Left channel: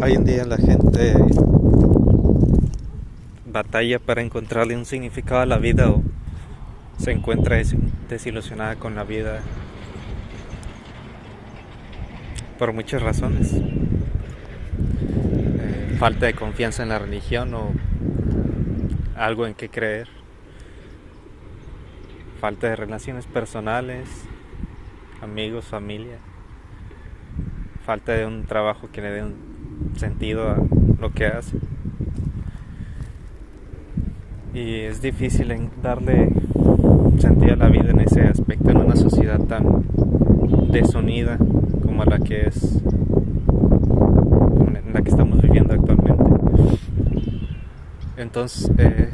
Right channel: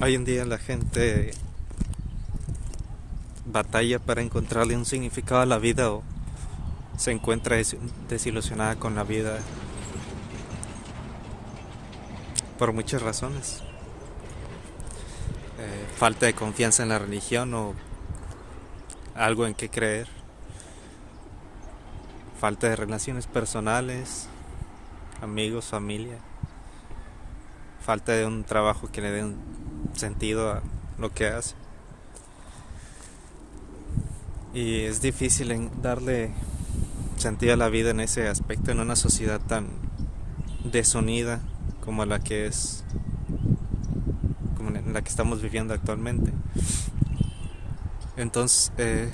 Hoy en día la gente batalla para encontrarle un significado a la vida o se encuentra desilusionada con la vida por muchas razones. Falta de confianza en la religión o algo en que creer. Falta de relaciones personales, amigos, familia. Falta de un trabajo que le dé un sentido a lo que hace. Y es difícil darle sentido a la vida en ese aspecto, en una sociedad tan desunida como la que es, en la que estamos viviendo actualmente. Entonces,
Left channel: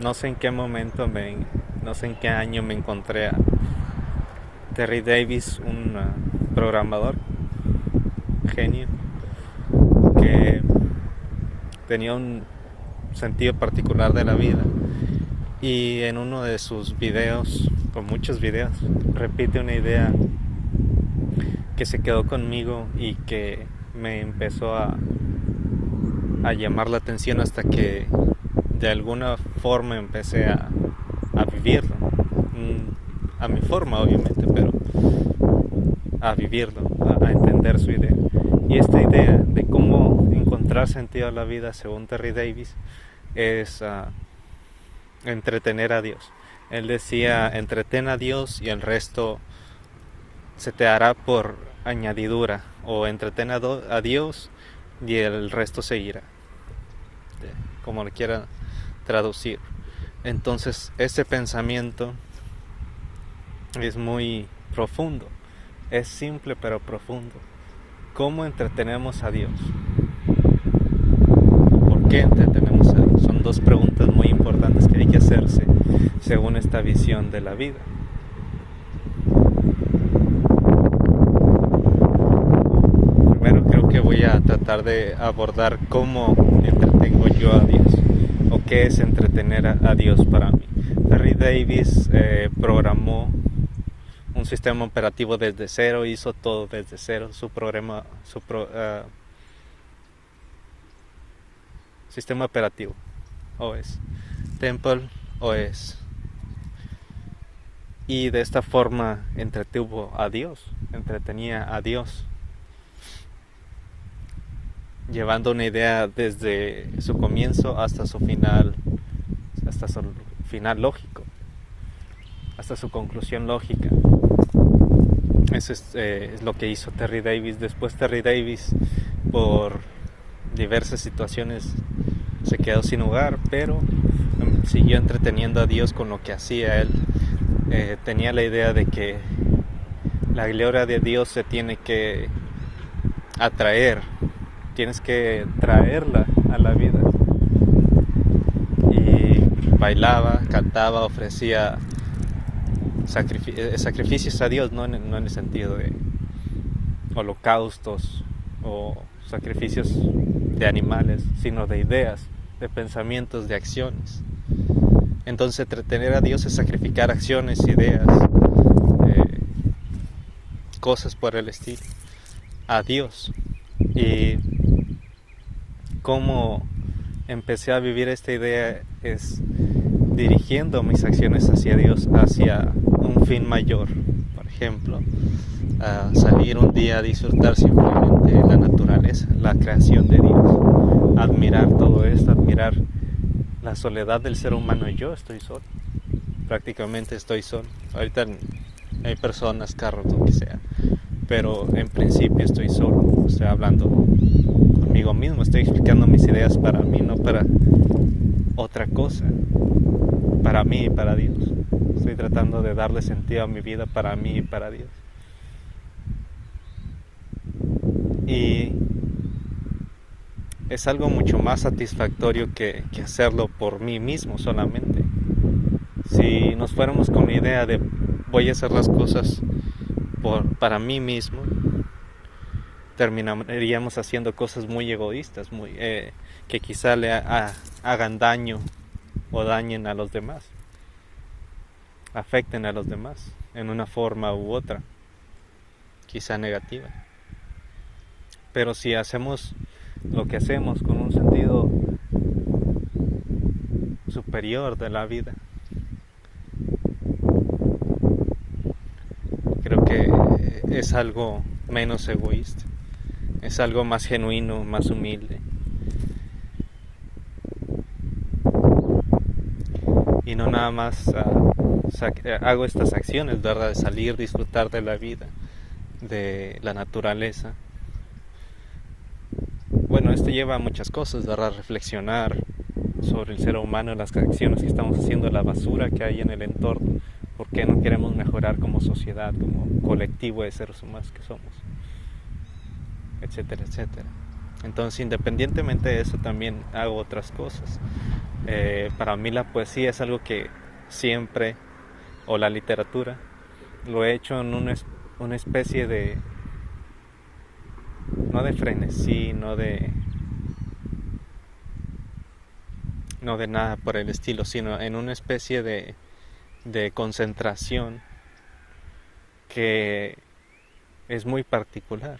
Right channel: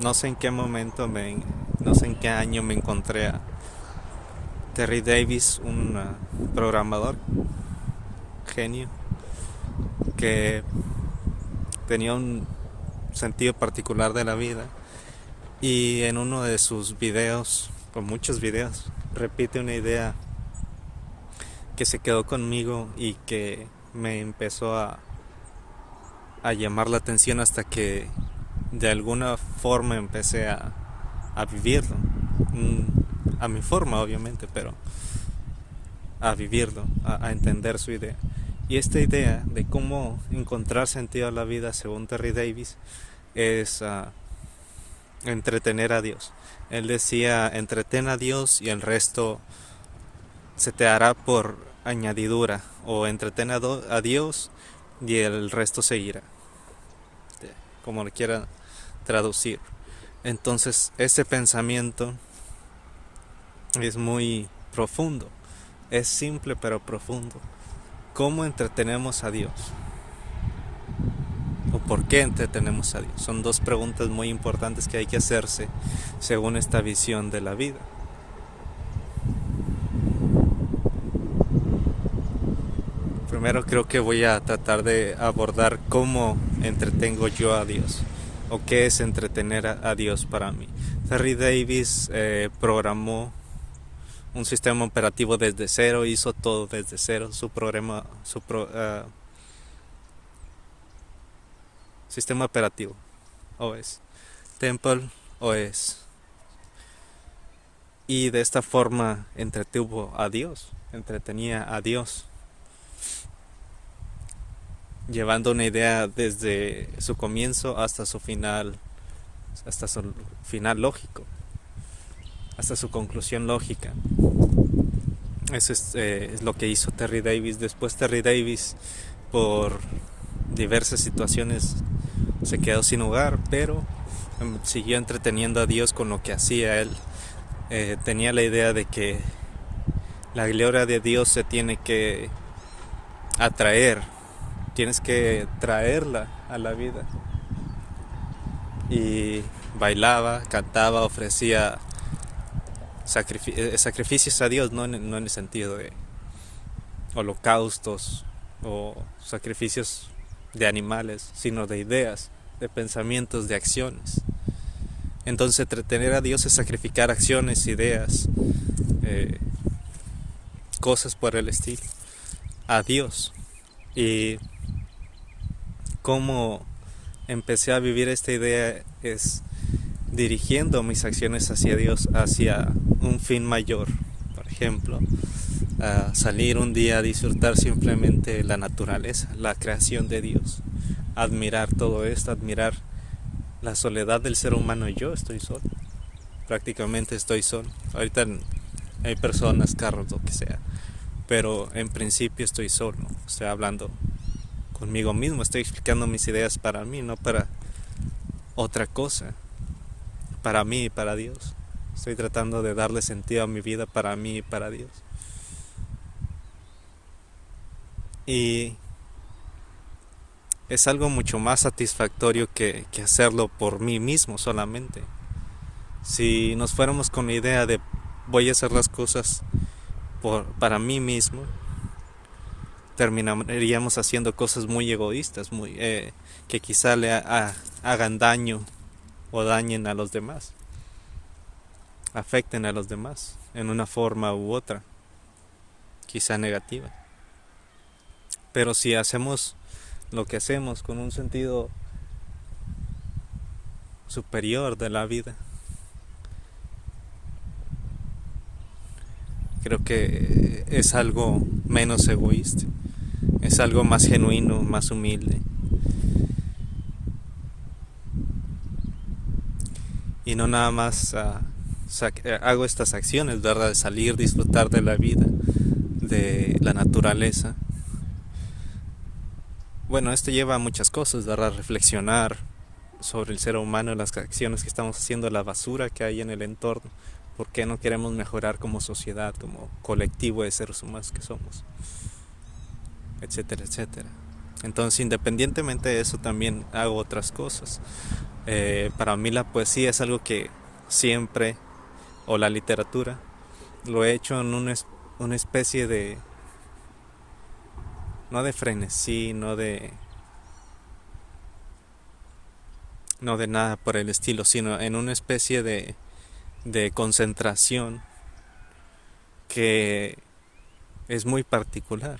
no sé en qué momento, no sé en qué año me encontré a Terry Davis, un programador genio que tenía un sentido particular de la vida, y en uno de sus videos, o muchos videos, repite una idea que se quedó conmigo y que me empezó a llamar la atención hasta que de alguna forma empecé a vivirlo, a mi forma obviamente, pero a vivirlo, a entender su idea. Y esta idea de cómo encontrar sentido a la vida, según Terry Davis, es entretener a Dios. Él decía: entretén a Dios y el resto se te hará por añadidura, o entretén a Dios y el resto seguirá, como lo quieran traducir. Entonces, ese pensamiento es muy profundo, es simple pero profundo. ¿Cómo entretenemos a Dios? ¿Por qué entretenemos a Dios? Son dos preguntas muy importantes que hay que hacerse según esta visión de la vida. Primero creo que voy a tratar de abordar cómo entretengo yo a Dios, o qué es entretener a Dios para mí. Terry Davis programó un sistema operativo desde cero, hizo todo desde cero, sistema operativo, OS, Temple OS. Y de esta forma entretenía a Dios, llevando una idea desde su comienzo hasta su final lógico, hasta su conclusión lógica. Eso es lo que hizo Terry Davis. Después Terry Davis, por diversas situaciones, se quedó sin hogar, pero siguió entreteniendo a Dios con lo que hacía él. Tenía la idea de que la gloria de Dios se tiene que atraer, tienes que traerla a la vida. Y bailaba, cantaba, ofrecía sacrificios a Dios, no en el sentido de holocaustos o sacrificios de animales, sino de ideas, de pensamientos, de acciones. Entonces, entretener a Dios es sacrificar acciones, ideas, cosas por el estilo, a Dios. Y cómo empecé a vivir esta idea es dirigiendo mis acciones hacia Dios, hacia un fin mayor. Por ejemplo, salir un día a disfrutar simplemente la naturaleza, la creación de Dios, admirar todo esto, admirar la soledad del ser humano. Yo estoy solo, prácticamente estoy solo. Ahorita hay personas, carros, lo que sea, pero en principio estoy solo, estoy hablando conmigo mismo, estoy explicando mis ideas para mí, no para otra cosa, para mí y para Dios. Estoy tratando de darle sentido a mi vida para mí y para Dios. Y es algo mucho más satisfactorio que hacerlo por mí mismo solamente. Si nos fuéramos con la idea de voy a hacer las cosas para mí mismo, terminaríamos haciendo cosas muy egoístas, que quizá hagan daño o dañen a los demás, afecten a los demás en una forma u otra. quizá negativa. Pero si hacemos lo que hacemos con un sentido superior de la vida, creo que es algo menos egoísta, es algo más genuino, más humilde. Y no nada más hago estas acciones, ¿verdad? De salir, disfrutar de la vida, de la naturaleza. Bueno, esto lleva a muchas cosas, ¿verdad? Reflexionar sobre el ser humano, las acciones que estamos haciendo, la basura que hay en el entorno, por qué no queremos mejorar como sociedad, como colectivo de seres humanos que somos, etcétera, etcétera. Entonces, independientemente de eso, también hago otras cosas. Para mí la poesía es algo que siempre, o la literatura, lo he hecho en una especie de, no de frenesí, no de nada por el estilo, sino en una especie de concentración que es muy particular.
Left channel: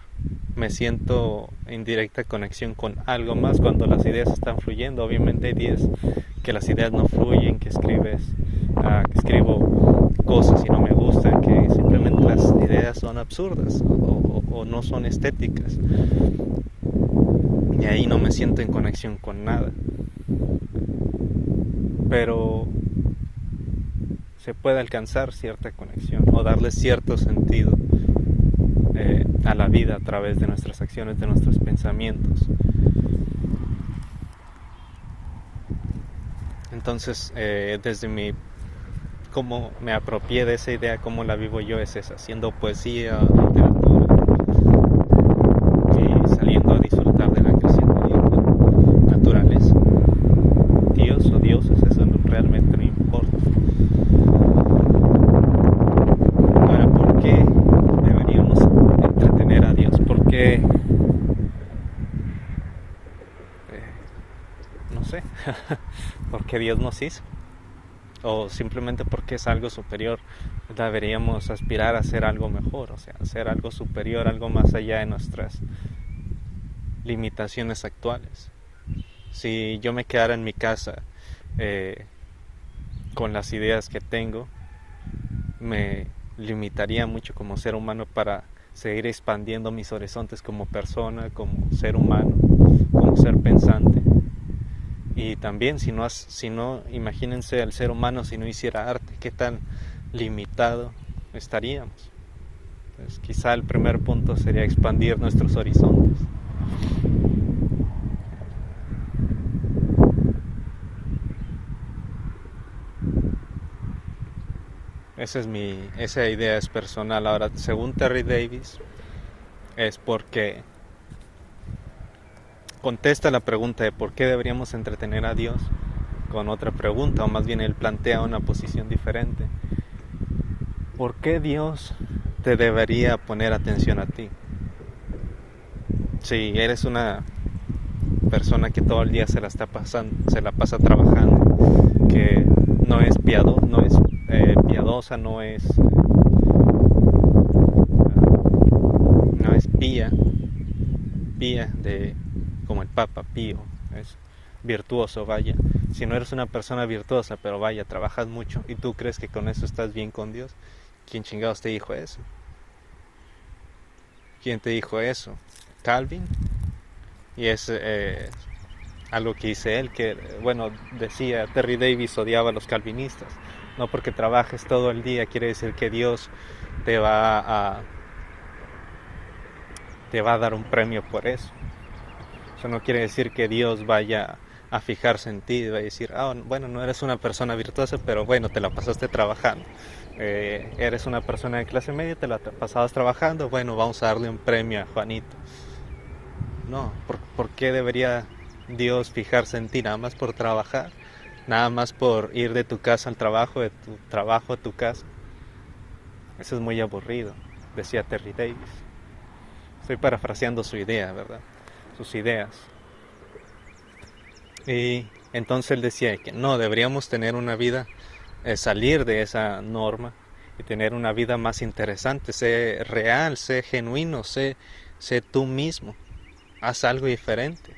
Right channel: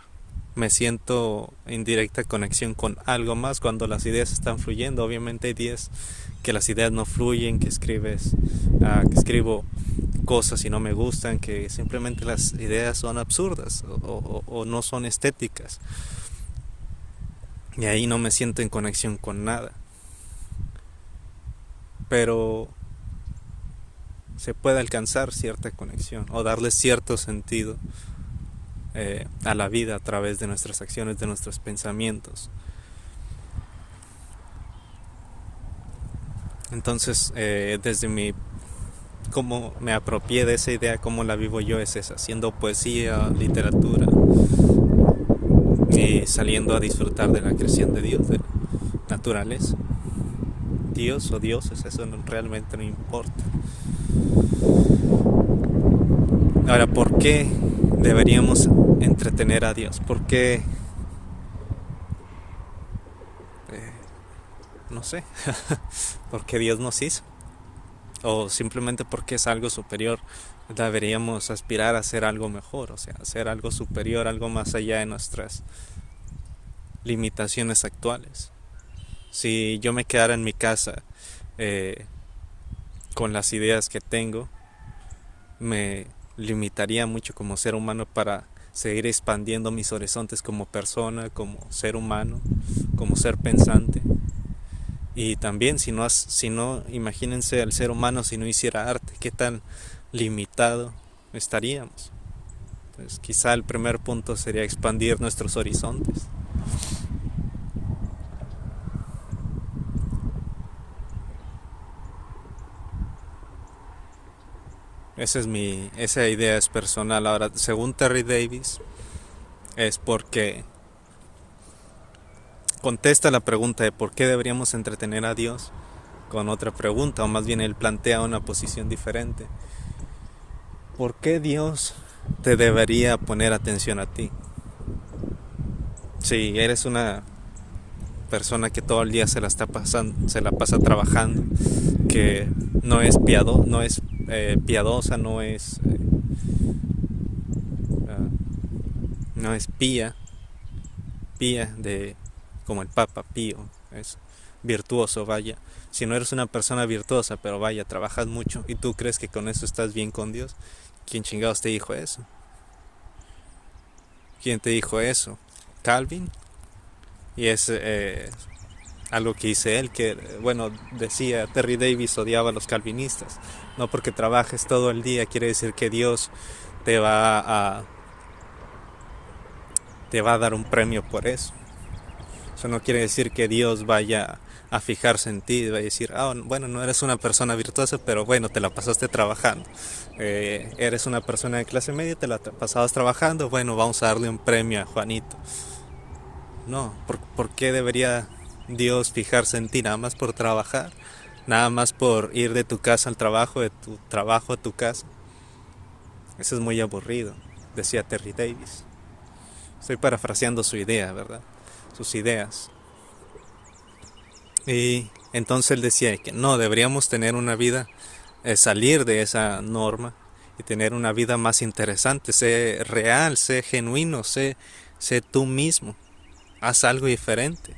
Me siento en directa conexión con algo más cuando las ideas están fluyendo. Obviamente hay días que las ideas no fluyen, que escribo cosas y no me gustan, que simplemente las ideas son absurdas o no son estéticas. Y ahí no me siento en conexión con nada. Pero se puede alcanzar cierta conexión o darle cierto sentido a la vida a través de nuestras acciones, de nuestros pensamientos. Entonces, desde cómo me apropié de esa idea, cómo la vivo yo, es esa, haciendo poesía, literatura y saliendo a disfrutar de la creación de Dios, de la naturaleza. Dios o dioses, eso realmente no importa. Ahora, ¿por qué deberíamos entretener a Dios? ¿Por qué? No sé. ¿Por qué Dios nos hizo? O simplemente porque es algo superior. Deberíamos aspirar a hacer algo mejor, o sea, hacer algo superior, algo más allá de nuestras limitaciones actuales. Si yo me quedara en mi casa con las ideas que tengo, me limitaría mucho como ser humano para seguir expandiendo mis horizontes como persona, como ser humano, como ser pensante. Y también si no, imagínense al ser humano si no hiciera arte, qué tan limitado estaríamos. Entonces, quizá el primer punto sería expandir nuestros horizontes. Esa idea es personal. Ahora, según Terry Davis, es porque contesta la pregunta de por qué deberíamos entretener a Dios con otra pregunta, o más bien él plantea una posición diferente. ¿Por qué Dios te debería poner atención a ti? Si eres una persona que todo el día se la pasa trabajando, que no es piadosa, no es pía de como el Papa Pío, es virtuoso, vaya. Si no eres una persona virtuosa, pero vaya, trabajas mucho y tú crees que con eso estás bien con Dios, ¿quién chingados te dijo eso? ¿Quién te dijo eso? Calvin. Y es algo que dice él, que bueno, decía Terry Davis odiaba a los calvinistas. No porque trabajes todo el día quiere decir que Dios te va a dar un premio por eso. Eso no quiere decir que Dios vaya a fijarse en ti y va a decir, bueno, no eres una persona virtuosa, pero bueno, te la pasaste trabajando. Eres una persona de clase media, te la pasabas trabajando, bueno, vamos a darle un premio a Juanito. No, ¿por qué debería Dios fijarse en ti nada más por trabajar? Nada más por ir de tu casa al trabajo, de tu trabajo a tu casa. Eso es muy aburrido, decía Terry Davis. Estoy parafraseando su idea, ¿verdad? Sus ideas. Y entonces él decía que no, deberíamos tener una vida, salir de esa norma y tener una vida más interesante. Sé real, sé genuino, sé tú mismo. Haz algo diferente.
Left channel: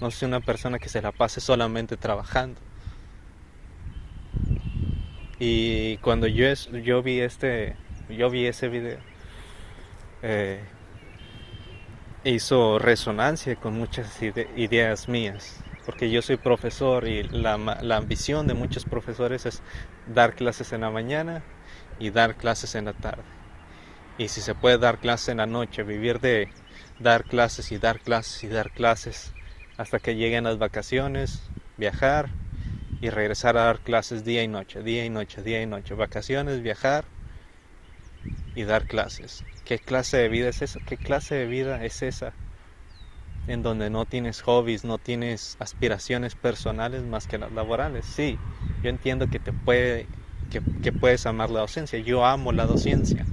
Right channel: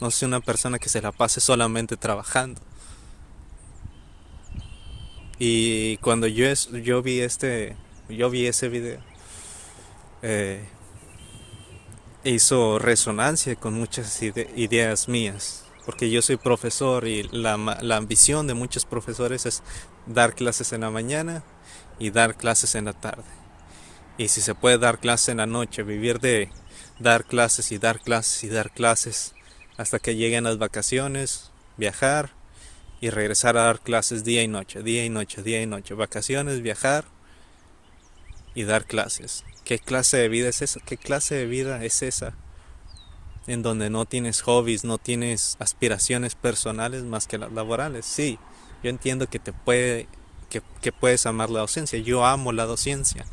No sé una persona que se la pase solamente trabajando. Y cuando yo vi ese video, eh, hizo resonancia con muchas ideas mías, porque yo soy profesor y la ambición de muchos profesores es dar clases en la mañana y dar clases en la tarde. Y si se puede dar clases en la noche, vivir de dar clases y dar clases y dar clases hasta que lleguen las vacaciones, viajar y regresar a dar clases día y noche, día y noche, día y noche, vacaciones, viajar y dar clases. ¿Qué clase de vida es esa? ¿Qué clase de vida es esa? En donde no tienes hobbies, no tienes aspiraciones personales más que las laborales. Sí, yo entiendo que puedes amar la docencia. Yo amo la docencia,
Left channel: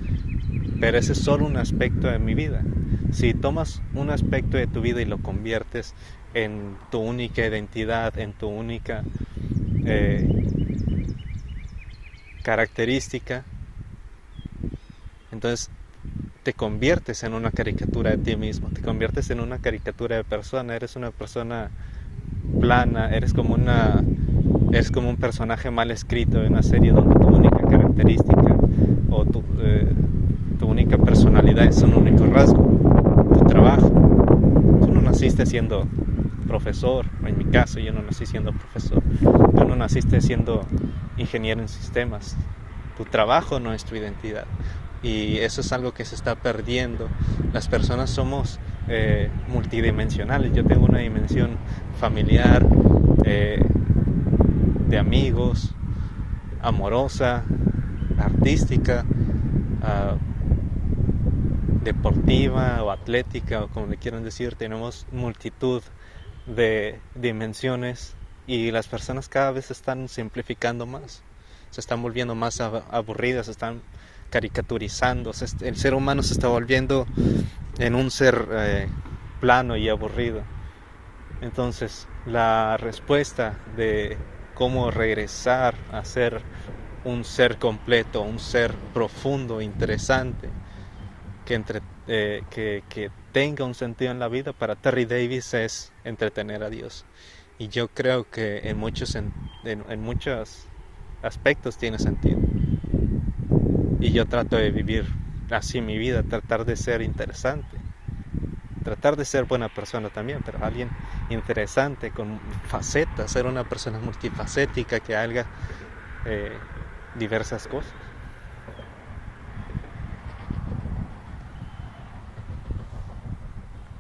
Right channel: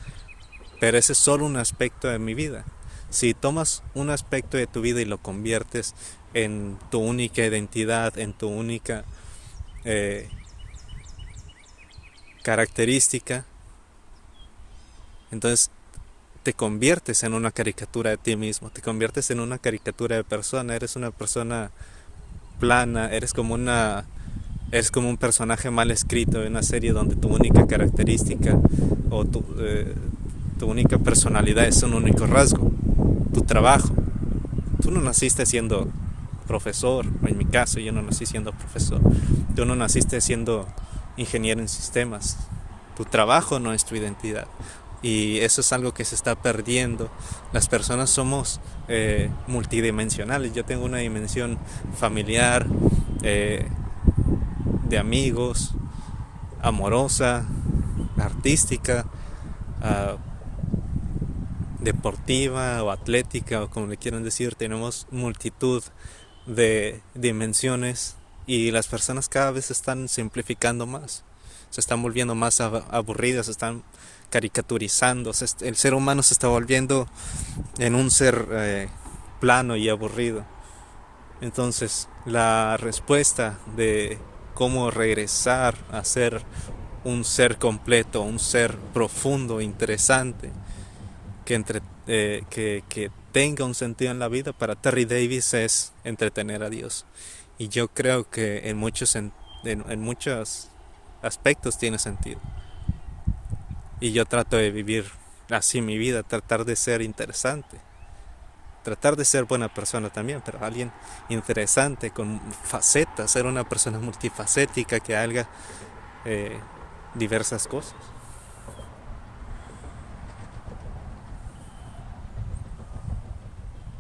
pero ese es solo un aspecto de mi vida. Si tomas un aspecto de tu vida y lo conviertes en tu única identidad, en tu única característica, entonces te conviertes en una caricatura de ti mismo, te conviertes en una caricatura de persona, eres una persona plana, eres como un personaje mal escrito en una serie donde tu única característica o tu única personalidad es un único rasgo, tu trabajo. Tú no naciste siendo profesor, en mi caso yo no nací siendo profesor, tú no naciste siendo ingeniero en sistemas, tu trabajo no es tu identidad. Y eso es algo que se está perdiendo. Las personas somos multidimensionales. Yo tengo una dimensión familiar, de amigos, amorosa, artística, deportiva o atlética, o como le quieran decir. Tenemos multitud de dimensiones y las personas cada vez se están simplificando más, se están volviendo más aburridas, se están caricaturizando. El ser humano se está volviendo en un ser plano y aburrido. Entonces la respuesta de cómo regresar a ser un ser completo, un ser profundo, interesante, que tenga un sentido en la vida, para Terry Davis es entretener a Dios. Y yo creo que en muchos aspectos tiene sentido. Y yo trato de vivir así mi vida, tratar de ser interesante, tratar de ser buena persona también, pero alguien interesante, con facetas, ser una persona multifacética que haga diversas cosas.